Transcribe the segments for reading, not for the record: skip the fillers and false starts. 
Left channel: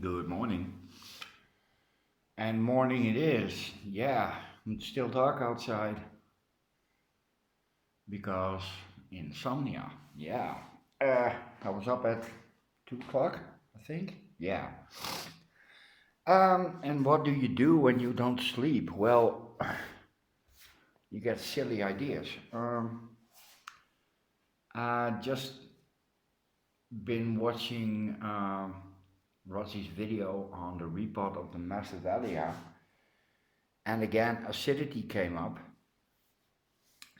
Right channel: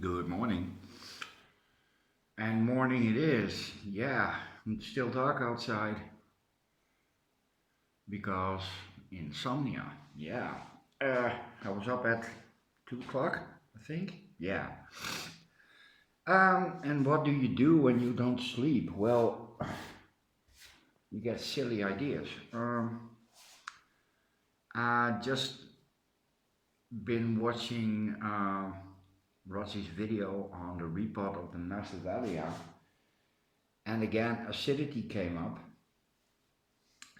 Good morning. And morning it is. Yeah, it's still dark outside because insomnia. Yeah. Uh, I was up at 2 o'clock, I think. Yeah. And what do you do when you don't sleep? Well, you get silly ideas. I just been watching Rossi's video on the repot of the Macedonia, and again acidity came up.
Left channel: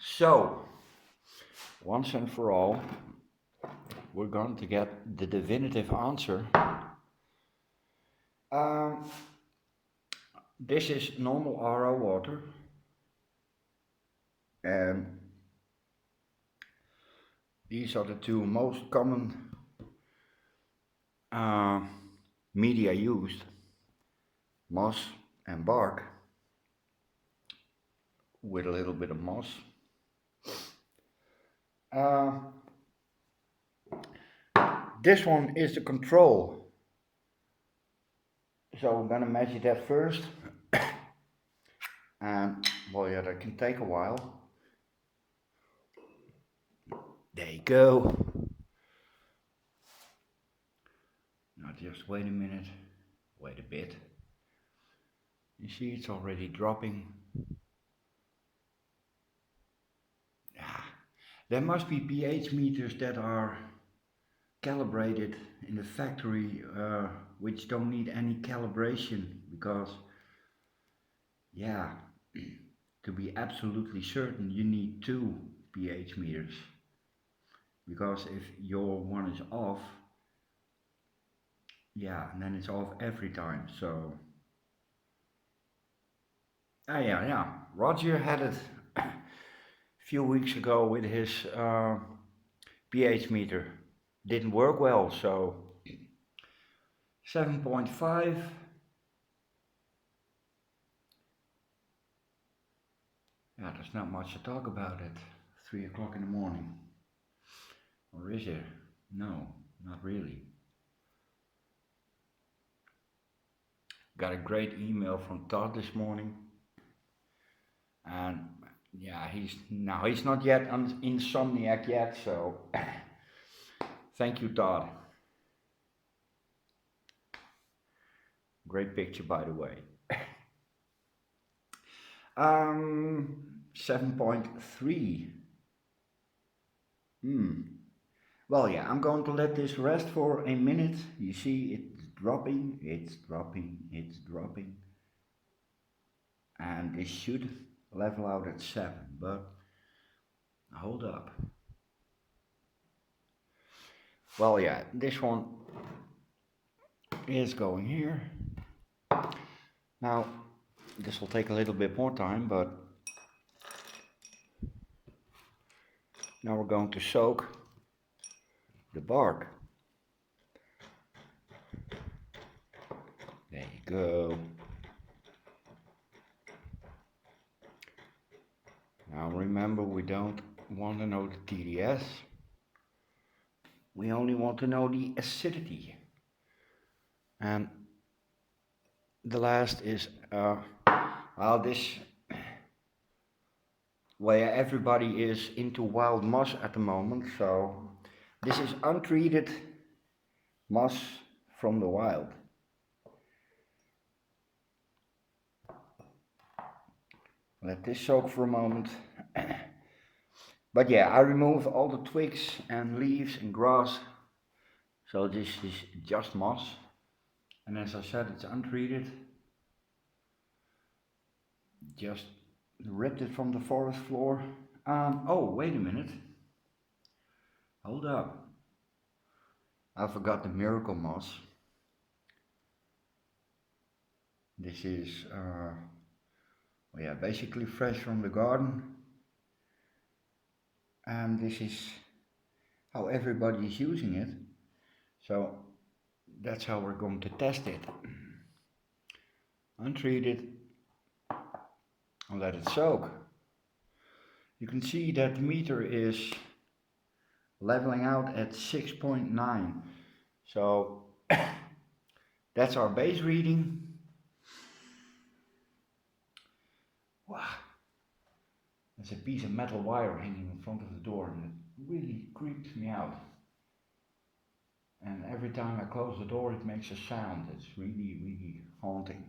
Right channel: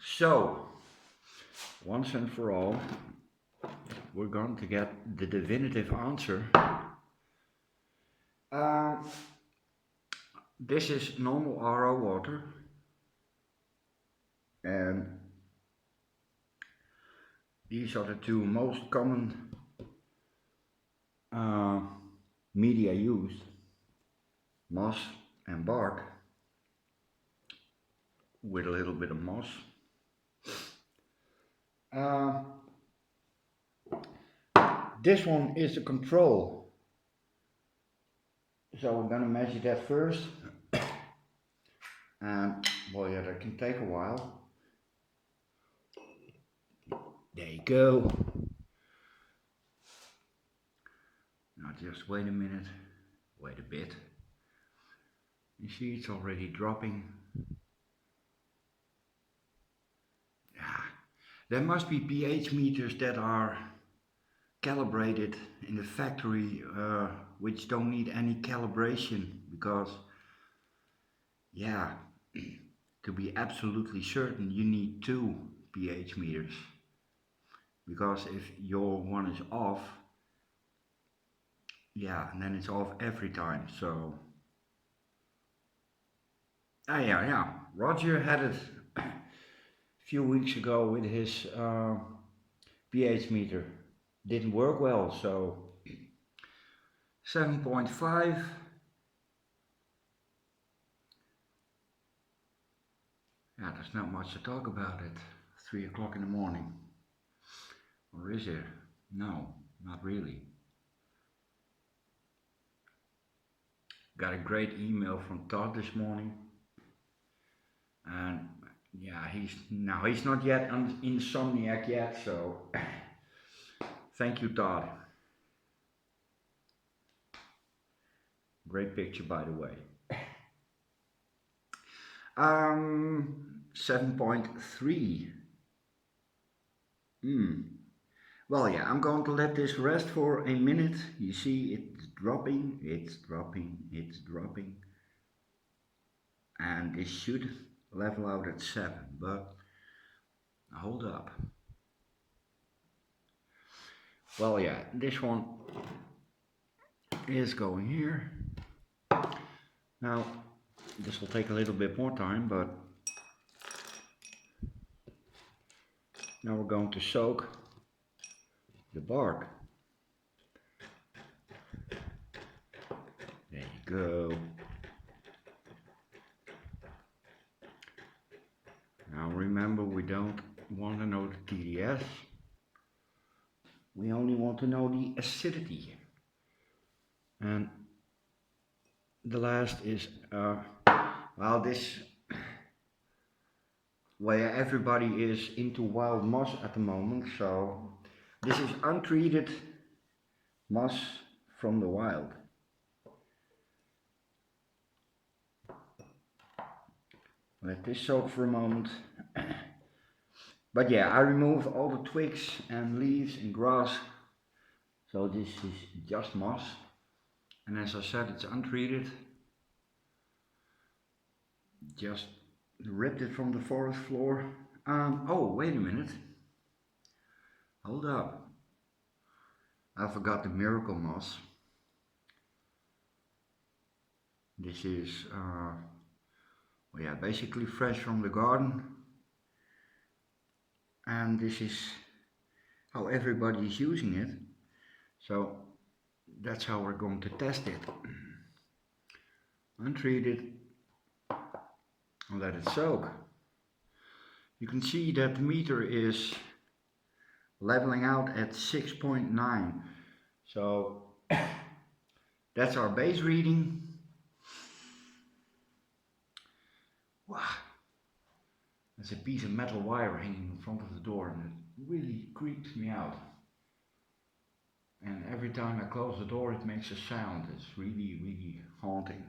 So, once and for all, we're going to get the definitive answer. Um, this is normal RO water, and these are the two most common uh, media used: moss and bark, with a little bit of moss. Uh, this one is the control, so we're gonna measure that first, and well, yeah, that can take a while. There you go. Now just wait a minute, wait a bit. You see it's already dropping. Ah, there must be pH meters that are calibrated in the factory which don't need any calibration, because yeah, to be absolutely certain you need two pH meters, because if your one is off, yeah, and then it's off every time. So yeah, Roger had it a few weeks ago with his pH meter. Didn't work well, so 7.5. Yeah, there's not much to talk about at 3 o'clock in the morning. Or is there? No, not really. Got a great email from Todd this morning. And yeah, he's not yet an insomniac yet, so thank you, Todd. Great picture, by the way. 7.3. Well, yeah, I'm going to let this rest for a minute. You see, it's dropping, it's dropping, it's dropping. And this should level out at 7, but hold up. Well, yeah, this one is going here. Now, this will take a little bit more time, but now we're going to soak the bark. There you go. Now remember, we don't want to know the TDS. We only want to know the acidity. And the last is, well, this, where everybody is into wild moss at the moment, so this is untreated moss from the wild. Let this soak for a moment. But yeah, I removed all the twigs and leaves and grass, so this is just moss. And as I said, it's untreated. Just ripped it from the forest floor. Oh, wait a minute. Hold up. I forgot the miracle moss. This is, well, yeah, basically fresh from the garden. And this is how everybody is using it. So that's how we're going to test it. Untreated, and let it soak. You can see that the meter is leveling out at 6.9. So That's our base reading. Wow, there's a piece of metal wire hanging in front of the door and it really creeps me out. And every time I close the door it makes a sound. It's really, really haunting.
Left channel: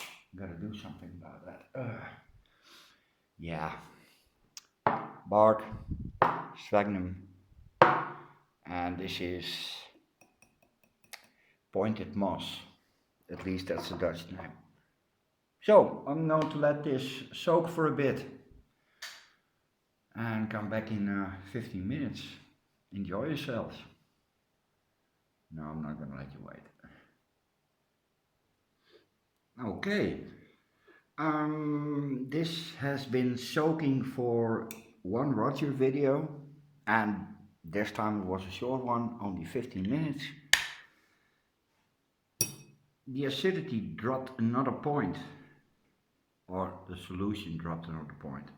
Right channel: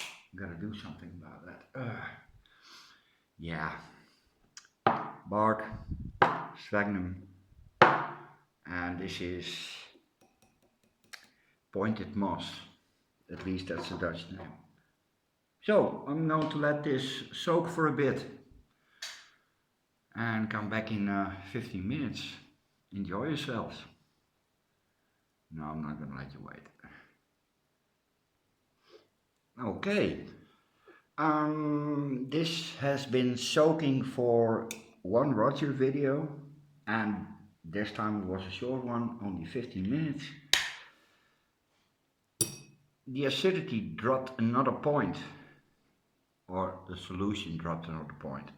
I gotta do something about that. Yeah. Bark, Sphagnum, and this is Pointed Moss. At least that's the Dutch name. So I'm going to let this soak for a bit and come back in 15 minutes. Enjoy yourselves. No, I'm not going to let you wait. Okay. This has been soaking for one Roger video, and this time it was a short one, only 15 minutes. The acidity dropped another point, or the solution dropped another point.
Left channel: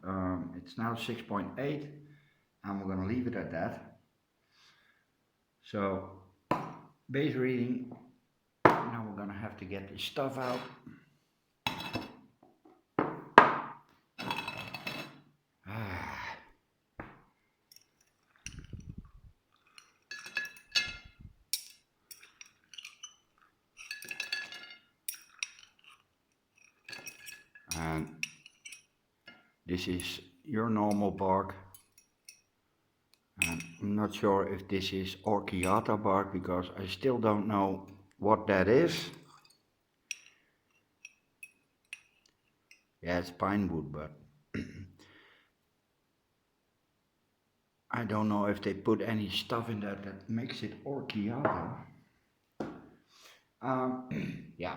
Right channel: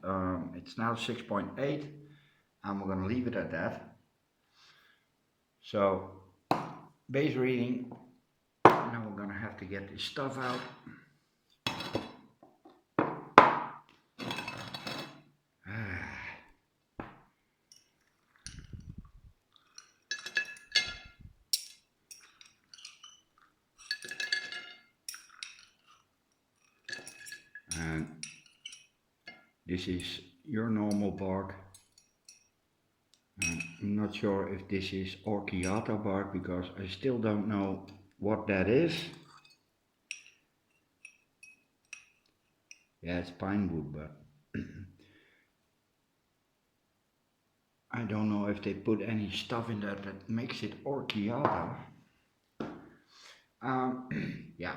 It's now 6.8 and we're going to leave it at that. So base reading, now we're going to have to get this stuff out. And this is your normal bark. I'm not sure if this is Orchiata bark because I still don't know what that is. Yeah, it's pine wood, but I don't know if they put any stuff in that that makes it Orchiata. Yeah.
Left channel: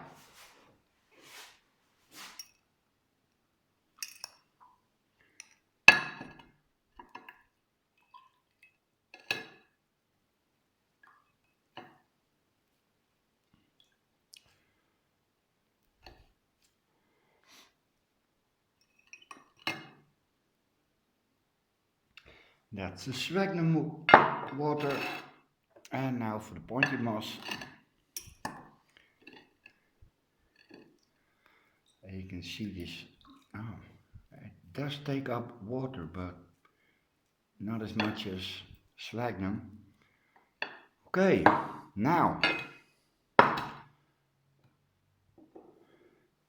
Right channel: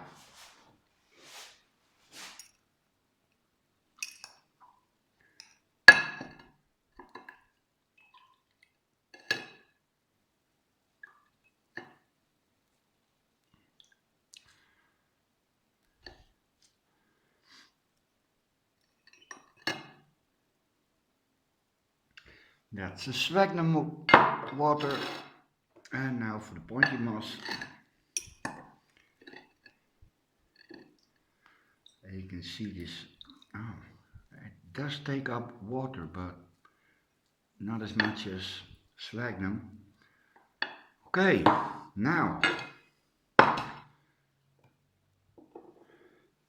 That's the sphagnum water, and now for the pointed moss. You can see this. Oh, it does take up water, but not as much as sphagnum. Okay, now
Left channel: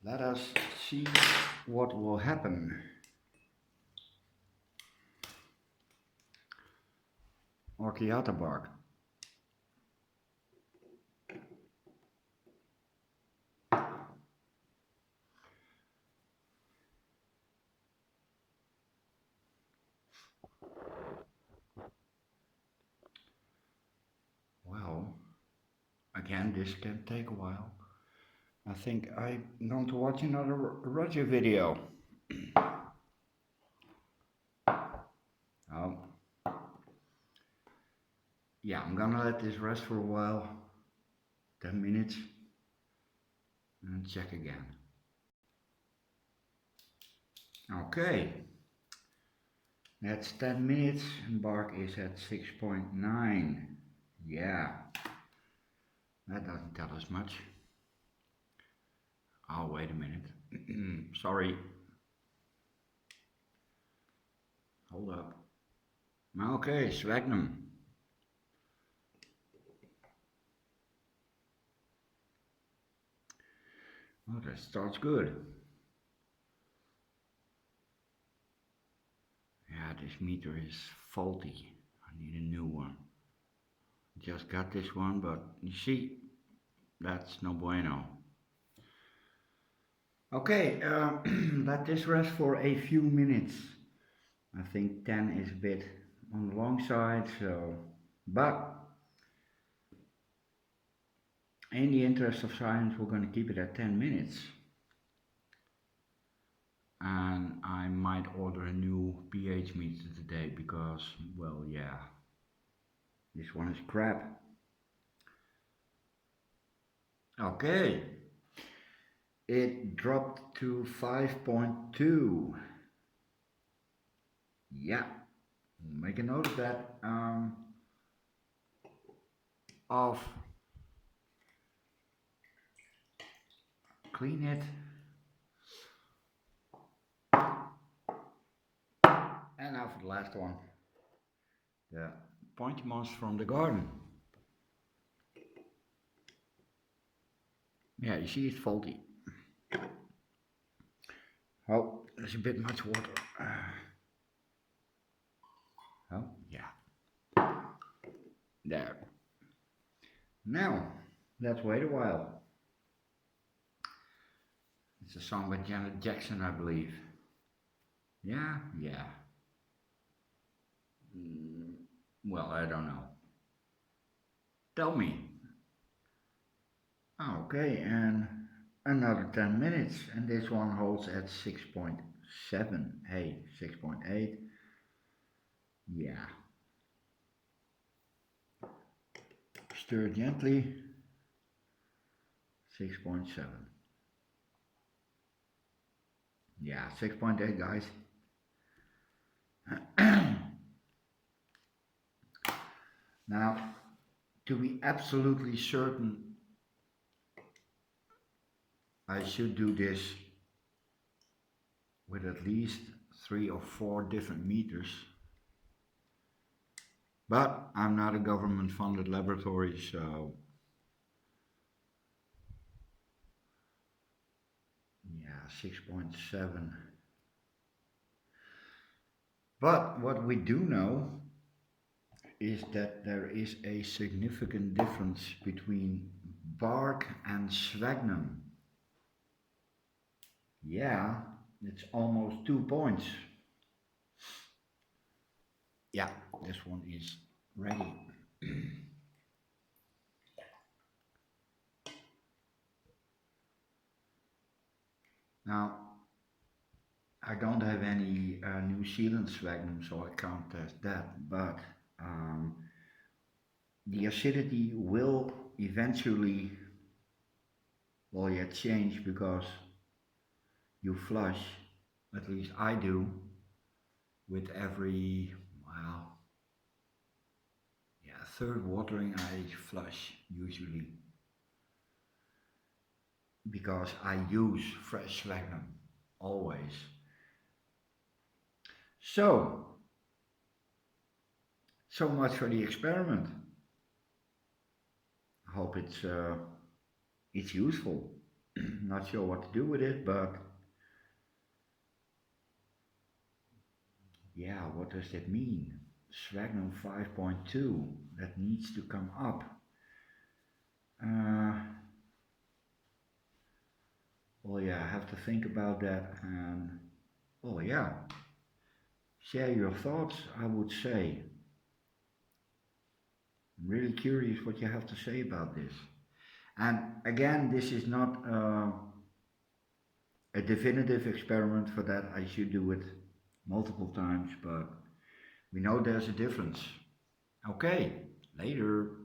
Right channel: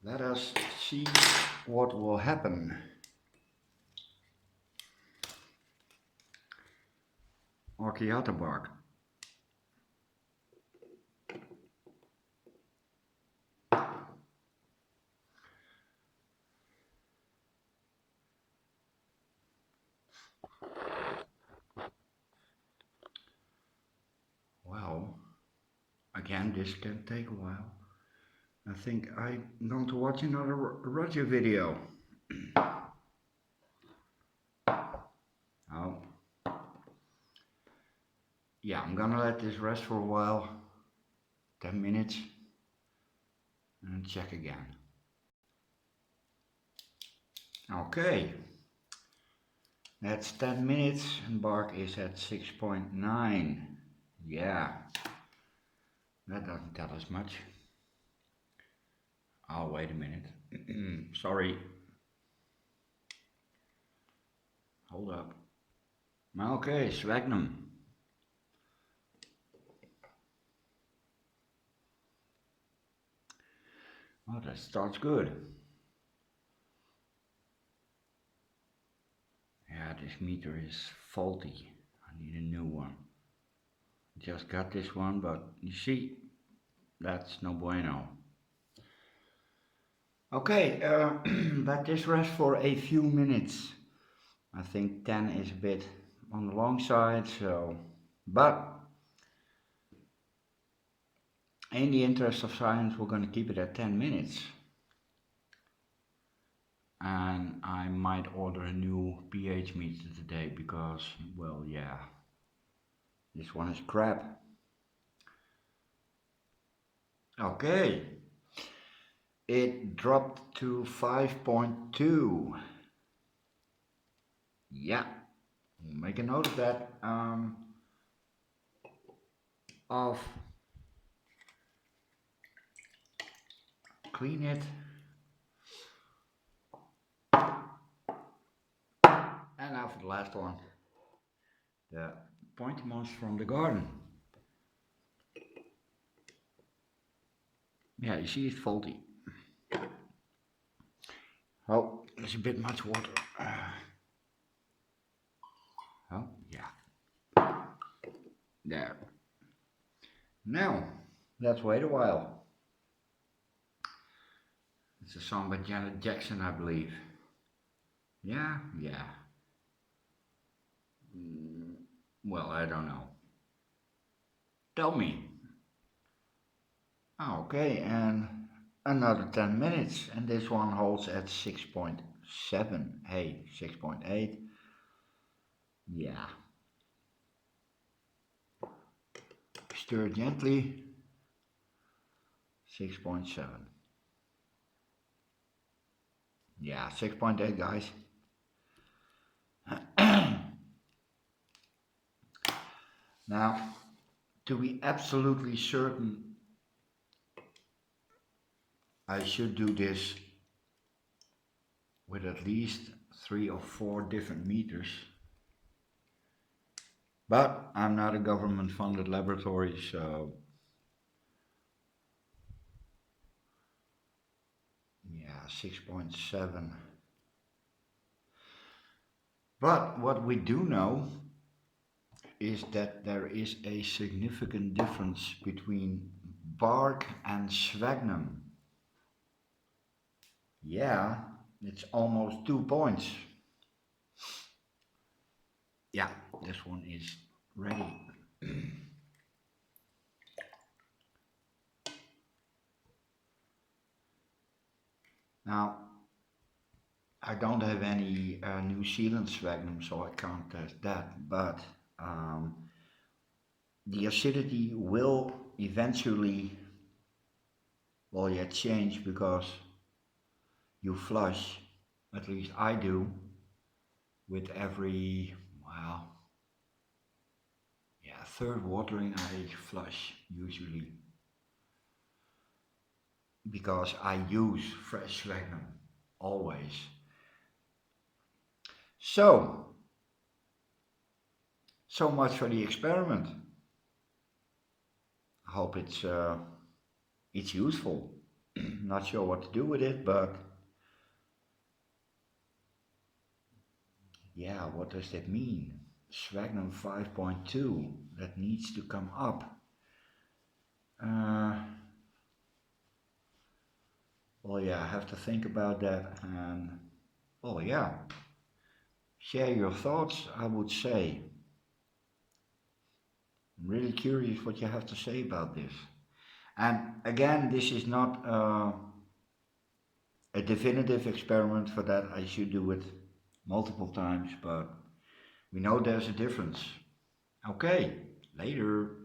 let us see what will happen. Orchiata bark. Well, again, this can take a while. I think I'm going to watch another Roger video. Oh. Yeah, I'm gonna let this rest for a while. 10 minutes. And check again. Okay. That's 10 minutes and bark is at 6.9. Yeah. That doesn't tell us much. Oh, wait a minute. Sorry. Hold up. Okay, sphagnum. Oh, that starts good. Yeah, this meter is faulty. I need a new one. Just got this one, but you see, that's no bueno. Okay, let this rest for a few minutes. I think 10 is a bit on the long side, so, but in the interest of science, we're going to keep it at 10 minutes. And I might order a new pH meter today because, well, yeah, this one is crap. Okay, it dropped to 5.2. Yeah, we'll make a note of that. Of clean it. And now for the last one, the pointy moss from the garden. Yeah, you see it's faulty. Oh, there's a bit much water. Oh, yeah. There. Now, let's wait a while. It's a song by Janet Jackson, I believe. Yeah. Well, I don't know. Tell me. Okay, and another 10 minutes, and this one holds at 6.7. Hey, 6.8. Yeah. Stir gently. 6.7. Yeah, 6.8, guys. Now, to be absolutely certain, I should do this with at least 3 or 4 different meters. But I'm not a government funded laboratory, so yeah, 6.7. But what we do know is that there is a significant difference between bark and sphagnum. Yeah, it's almost 2 points. Yeah, this one is ready. Now, I don't have any New Zealand sphagnum, so I can't test that, but the acidity will eventually, well, yeah, change because you flush, at least I do, with every, well, yeah, third watering I flush usually, because I use fresh sphagnum, always. So much for the experiment. I hope it's useful. Not sure what to do with it, but yeah, what does that mean? Sphagnum 5.2, that needs to come up. Well, yeah, I have to think about that, and well, yeah, share your thoughts, I would say. I'm really curious what you have to say about this. And again, this is not a definitive experiment. For that I should do it multiple times, but we know there's a difference. Okay, later.